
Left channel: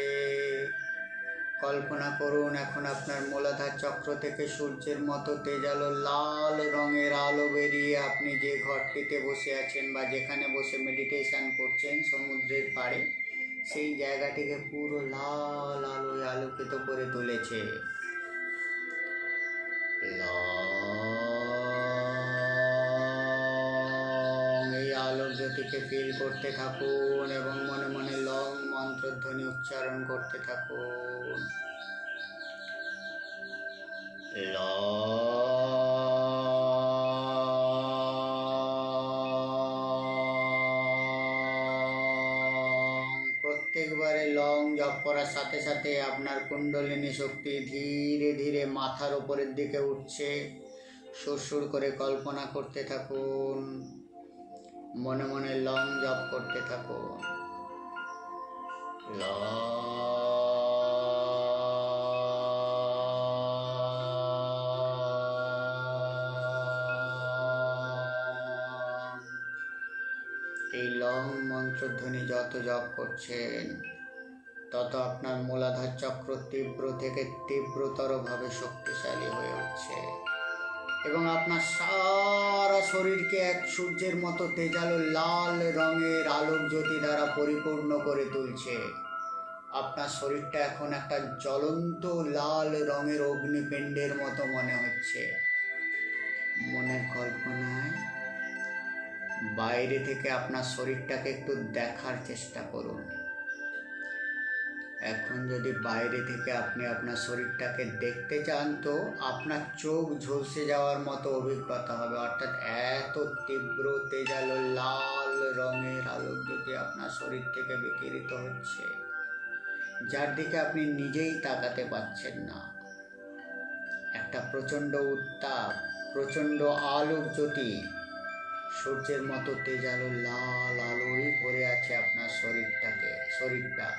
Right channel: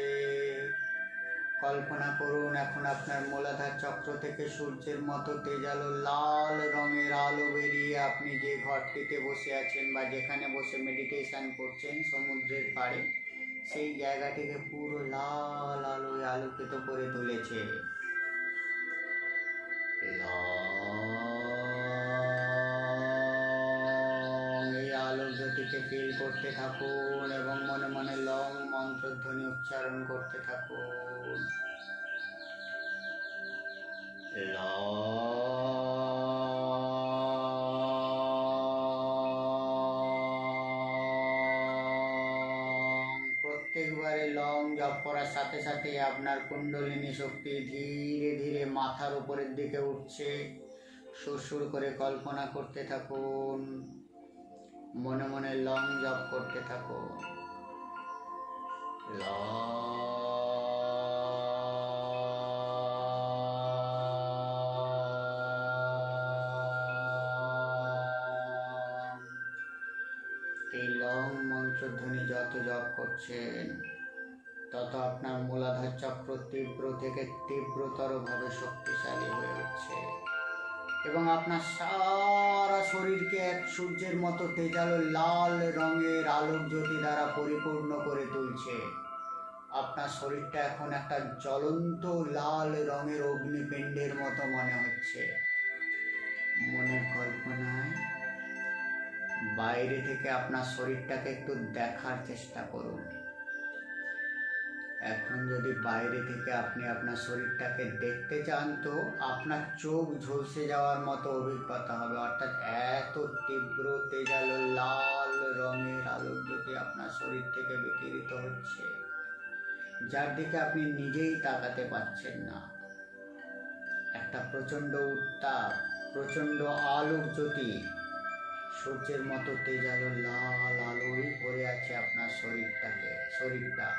কল্পনা করুন এখন আপনার মূলাধার চক্র থেকে সূর্যের মতো তেজালো লাল রঙের আলো বেরিয়ে আপনি যে ঘরটিতে বসে আছেন বা যেখানে বসে মেডিটেশন করছেন সমুদ্রের পাড়ে, সেই জায়গাটিকে পুরো লাল আলোয় আলোকিত করে তুলেছে। এই আলোক জ্যোতিকে ফিল করতে থাকুন এবং মনে মনে লং মন্ত্রধ্বনি উচ্চারণ করতে থাকুন। প্রত্যেকবারে লং জপ করার সাথে সাথে আপনার কুণ্ডলিনী শক্তি ধীরে ধীরে মাথার উপরের দিকে উঠছে। সুরসুর করে কল্পনা করতে থাকুন, মনে মনে লং জপ করতে থাকুন। এই লং মন্ত্রধ্বনি যত জপ করছেন তত আপনার মূলাধার চক্র তীব্র থেকে তীব্রতরভাবে শক্তিশালী হয়ে উঠছে এবং আপনার সারা শরীরকে এক সূর্যের মতো তেজালো লাল রঙের আলোক জ্যোতি দ্বারা পরিপূর্ণ করে তুলছে। আপনার শরীরটা এখন একটা জ্বলন্ত লাল রঙের অগ্নিপিণ্ডের মতো মনে হচ্ছে। মনের কল্পনায় বাইরে থেকে আপনার শরীরটাকে একটু দেখার চেষ্টা করুন। এখন যদি বাইরে থেকে আপনি আপনার শরীরটাকে দেখতে চান তো আপনার চোখ ঝলসে যাওয়ার মতো অভিজ্ঞতা হবে, অর্থাৎ এত তীব্র তেজালো লাল রঙের আলোক জ্যোতি আপনার শরীর থেকে বিকিরিত হচ্ছে, যার দিকে আপনি নিজেই তাকাতে পাচ্ছেন না। একটা প্রচণ্ড উত্তাপ, প্রচণ্ড আলোক জ্যোতি, সূর্যের মতো তেজালো লাল আলোয় ভরে আছে আপনার শরীরটা।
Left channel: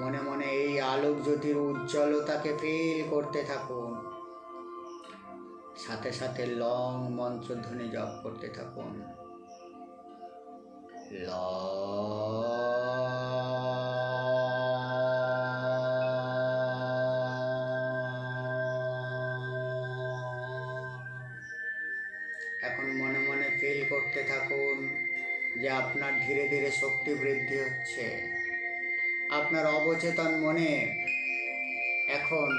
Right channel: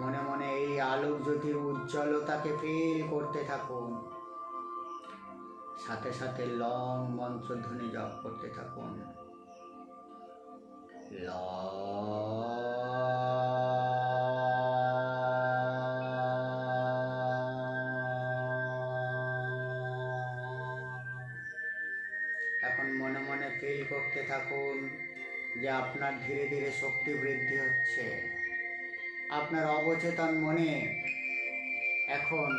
মনে মনে এই আলোক জ্যোতির উজ্জ্বলতাকে ফিল করতে থাকুন, সাথে সাথে লং মন্ত্রধ্বনি জপ করতে থাকুন। এখন মনে মনে ফিল করতে থাকুন যে আপনার ধীরে ধীরে শক্তি বৃদ্ধি হচ্ছে। আপনার অবচেতন মনে এখন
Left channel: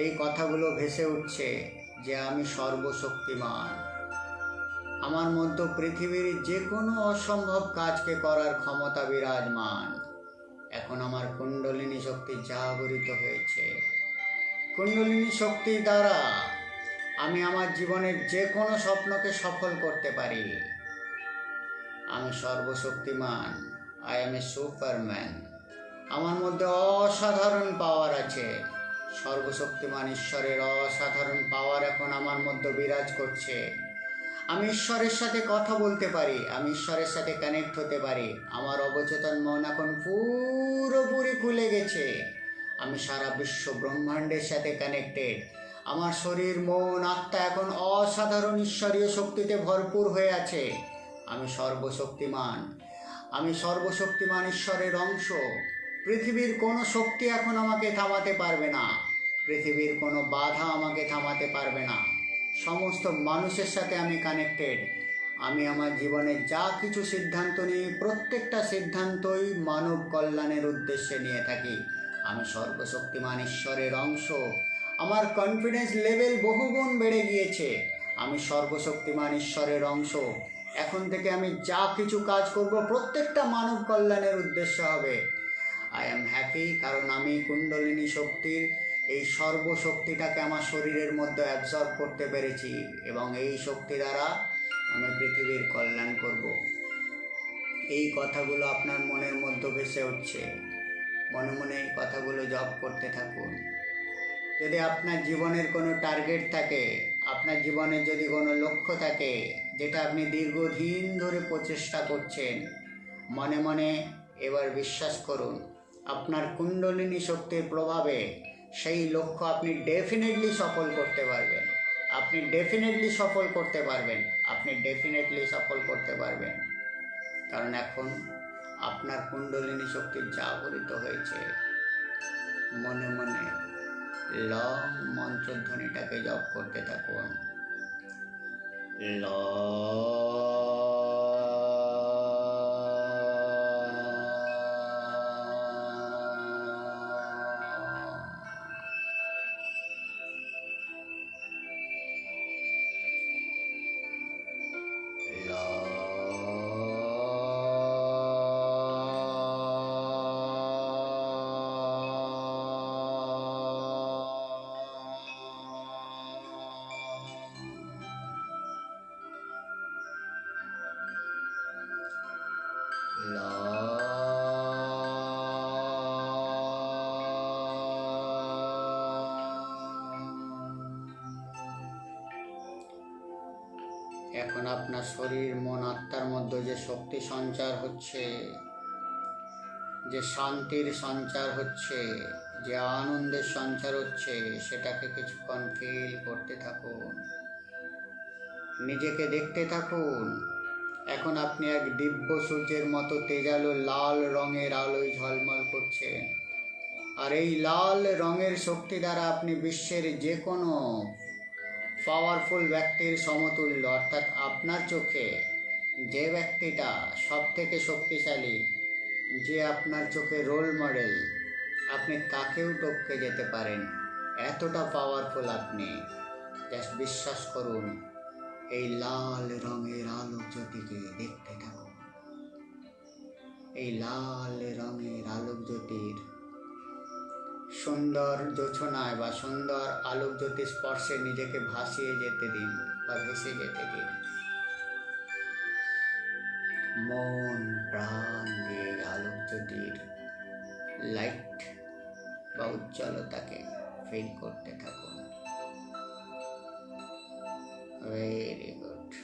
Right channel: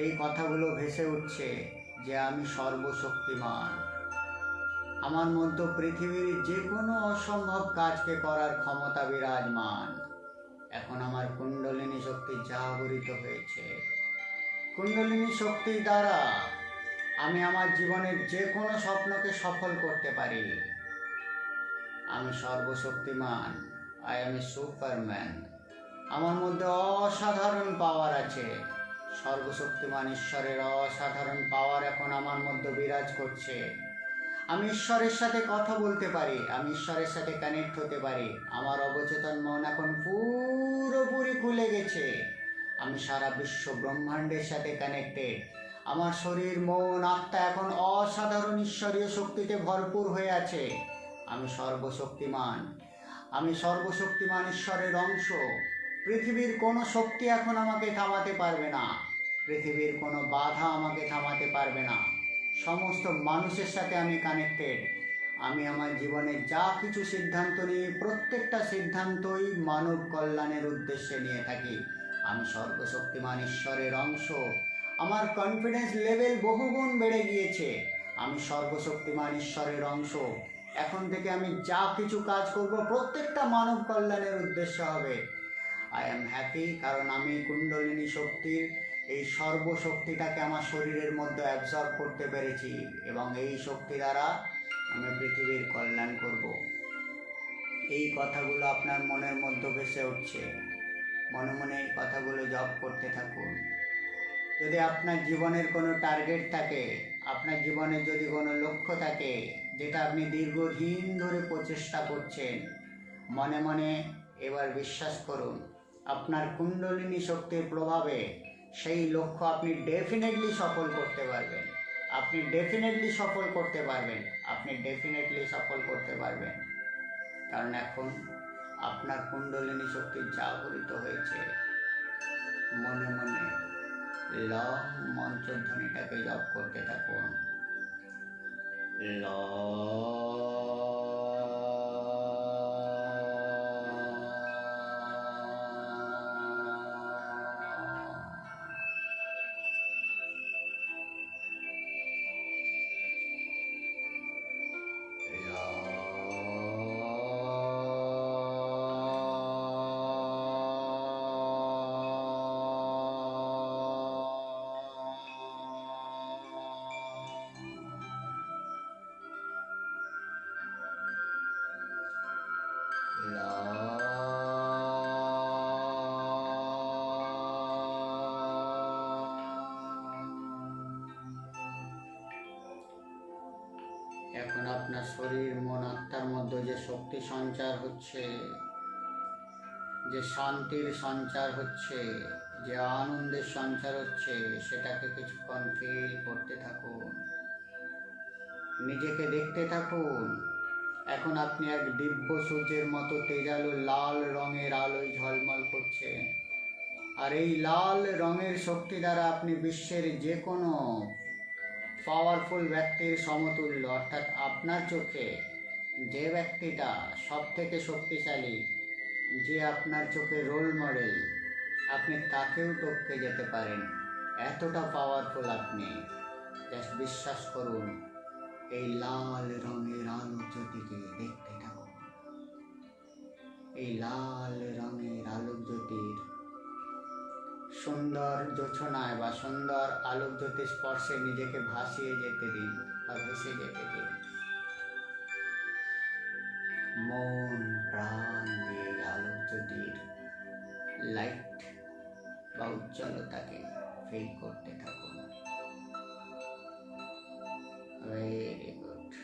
এই কথাগুলো ভেসে উঠছে যে আমি সর্বশক্তিমান, আমার মধ্যে পৃথিবীর যে কোনো অসম্ভব কাজকে করার ক্ষমতা বিরাজমান। এখন আমার কুণ্ডলিনী শক্তি জাগরিত হয়েছে। কুণ্ডলিনী শক্তির দ্বারা আমি আমার জীবনের যে কোনো স্বপ্নকে সফল করতে পারি। আমি সর্বশক্তিমান। I M A Superman. আমার মধ্যে অসাধারণ পাওয়ার আছে। সর্বশক্তিমান ঈশ্বরের অসাধারণ পাওয়ার এখন আমার মধ্যে বিরাজ করছে। আমি ঈশ্বরের সাথে কথা বলতে পারি, আমি ঈশ্বরের সাথে কানেক্ট হতে পারি। আমার অবচেতন মন এখন পুরোপুরি খুলে গেছে। আমি সারা বিশ্ব ব্রহ্মাণ্ডের সাথে কানেক্টেড। আমার শরীর, মন, আত্মা এখন অসাধারণ ঈশ্বরীয় শক্তিতে ভরপুর হয়ে আছে। আমি সর্বশক্তিমান। আমি সর্বশক্তিমান ঈশ্বরের অংশ। পৃথিবীর কোনো শক্তি এখন আমাকে থামাতে পারবে না। পৃথিবীর কোনো বাধা আমাকে থামাতে পারবে না। সমস্ত মানুষের সাথে আমি কানেক্টেড। আমি আমার জীবনে যা কিছু সিদ্ধান্ত নিই, প্রত্যেকটা সিদ্ধান্তই মানব কল্যাণের উদ্দেশ্যে নিয়ে থাকি। আমি সর্বশক্তিমান ঈশ্বরের অংশ। আমার কনফিডেন্স লেভেল বহুগুণ বেড়ে গিয়েছে। আমি সর্বশক্তিমান ঈশ্বরের অংশ। এখন থেকে আমি যা কিছু কাজ করব প্রত্যেকটা মানব কল্যাণের উদ্দেশ্য হবে। আই অ্যাম হ্যাপি, কারণ আমি কুণ্ডলিনী শক্তির এই সর্বশক্তিটাকে আমার শরীরের মধ্যে অ্যাবজর্ব করতে পেরেছি এবং এই শক্তি দ্বারা আমি পৃথিবীর কল্যাণ করব। এই কথাগুলো আপনার মনের মধ্যে ভেসে উঠছে। মনে মনে এই কথাগুলো জপ করতে থাকুন। যদি আপনার জীবনের কোনো টার্গেট থাকে, আপনার জীবনের যদি কোনো লক্ষ্য থাকে যেটা আপনি দীর্ঘদিন ধরে প্রচেষ্টা করছেন, মনে মনে এবার বিশ্বাস করুন, আপনার কুণ্ডলিনী শক্তির প্রভাবে সেই লক্ষ্য আপনি ডেফিনেটলি সফল করতে পারবেন। আপনি ডেফিনেটলি সফল করতে পারবেন। আপনি ডেফিনেটলি সফল করতে পারবেন। কারণ এখন আপনার কুণ্ডলিনী শক্তি জাগরিত হয়েছে। মনে মনে লং মন্ত্রধ্বনিটাকে জপ করতে থাকুন। ল এখন আপনার শরীর, মন, আত্মার মধ্যে যে শক্তি সঞ্চার হচ্ছে, যে শান্তির সঞ্চার হচ্ছে, যে আনন্দের সঞ্চার হচ্ছে, সেটাকে কিছুক্ষণ ফিল করতে থাকুন। নিজেকে দেখতে থাকুন। এখন আপনি এক দিব্য সূর্যের মতো তেজালো লাল রঙের আলোয় ঝলমল করছেন। আর এই লাল রঙের শক্তি দ্বারা আপনি বিশ্বের যে কোনো পাওয়ারফুল ব্যক্তির সমতুল্য। অর্থাৎ আপনার চোখে যে ব্যক্তিটা সব থেকে শক্তিশালী, যে আপনার চোখে রোল মডেল, আপনি তাকেও টপকে যেতে পারেন। এতটা পাওয়ারফুল আপনি। জাস্ট বিশ্বাস করুন। এই লাল রঙের আলোক জ্যোতিকে দেখতে থাকুন। এই লাল রঙের আলোক জ্যোতির সুন্দর জোছনায় বা সুন্দর আলোক জ্যোতির স্পর্শে নিজেকে ভাসিয়ে যেতে দিন বা ভেসে যেতে দিন। মন প্রাণ দিয়ে আলোক জ্যোতির লাইট বা উজ্জ্বলতাকে ফিল করতে থাকুন। Very good.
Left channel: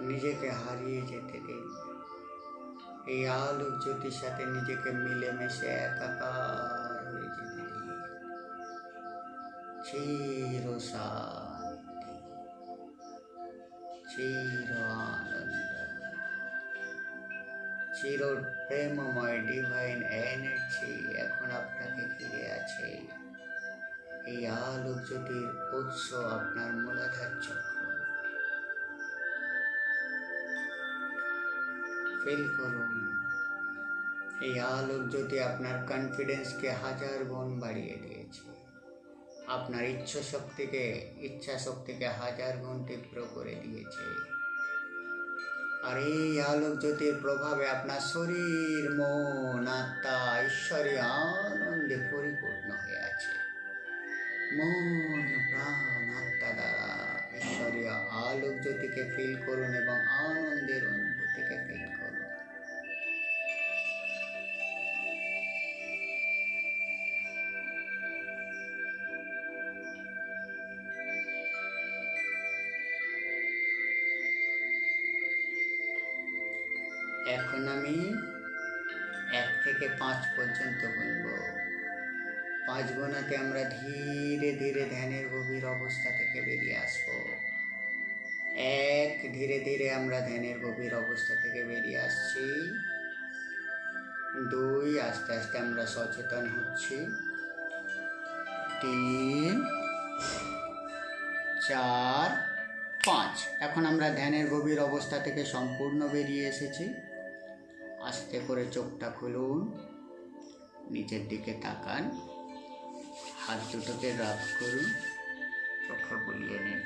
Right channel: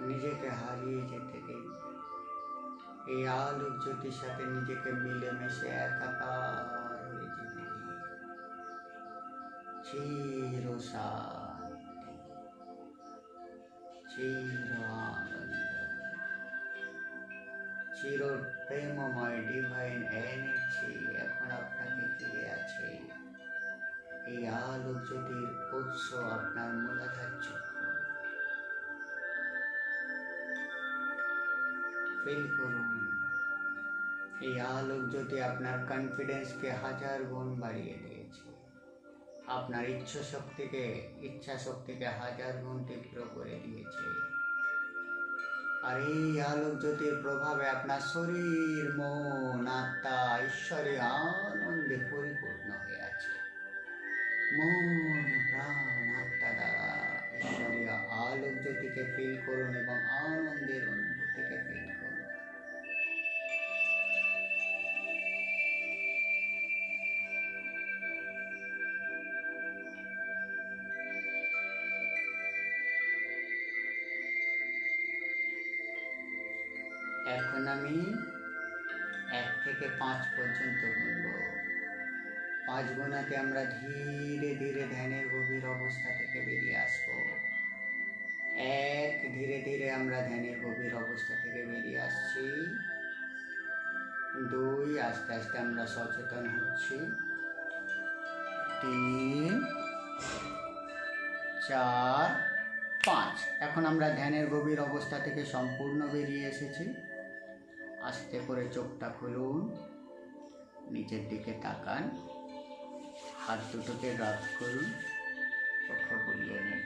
নিজেকে হারিয়ে যেতে দিন। এই আলোক জ্যোতির সাথে নিজেকে মিলেমিশে একাকার হয়ে যেতে দিন। চির শান্তি, চির আনন্দ, চির প্রেমময় ডিভাইন এনার্জি এখন আপনাকে ঘিরে আছে। এই আলোক জ্যোতির উৎস আপনার মূলাধার চক্র। ফিল করুন। এই আলোক জ্যোতি আপনার কনফিডেন্সকে 1000 গুণ বাড়িয়ে দিয়েছে। আপনার ইচ্ছা শক্তিকে 1000 গুণ তীব্র করে দিয়েছে। আর এই আলোক জ্যোতির প্রভাবে আপনার শরীর, মন, আত্মা ঈশ্বরে আনন্দে পরিপূর্ণ হয়ে আছে। মন, প্রাণ, আত্মা দ্বারা ঈশ্বরীয় আলোক জ্যোতিকে ফিল করুন এবং আনন্দের অনুভূতিকে ফিল করুন। এখন আমি 1 থেকে 5 পর্যন্ত গুনব। 5 গোনাতে আমরা ধীরে ধীরে ধ্যানের গভীর অবস্থা থেকে বেরিয়ে আসব। 1, ধীরে ধীরে আমরা ধ্যানের গভীর অবস্থা থেকে বেরিয়ে আসছি। 2, আস্তে আস্তে আমরা সচেতন হচ্ছি। 3, 4, 5। এখন আমরা ধ্যানের গভীর অবস্থা থেকে সম্পূর্ণ বেরিয়ে এসেছি। আস্তে করে চোখটা খুলুন, নিচের দিকে তাকান, হাত দুটোকে রাব করুন, চোখ বুলিয়ে নিন।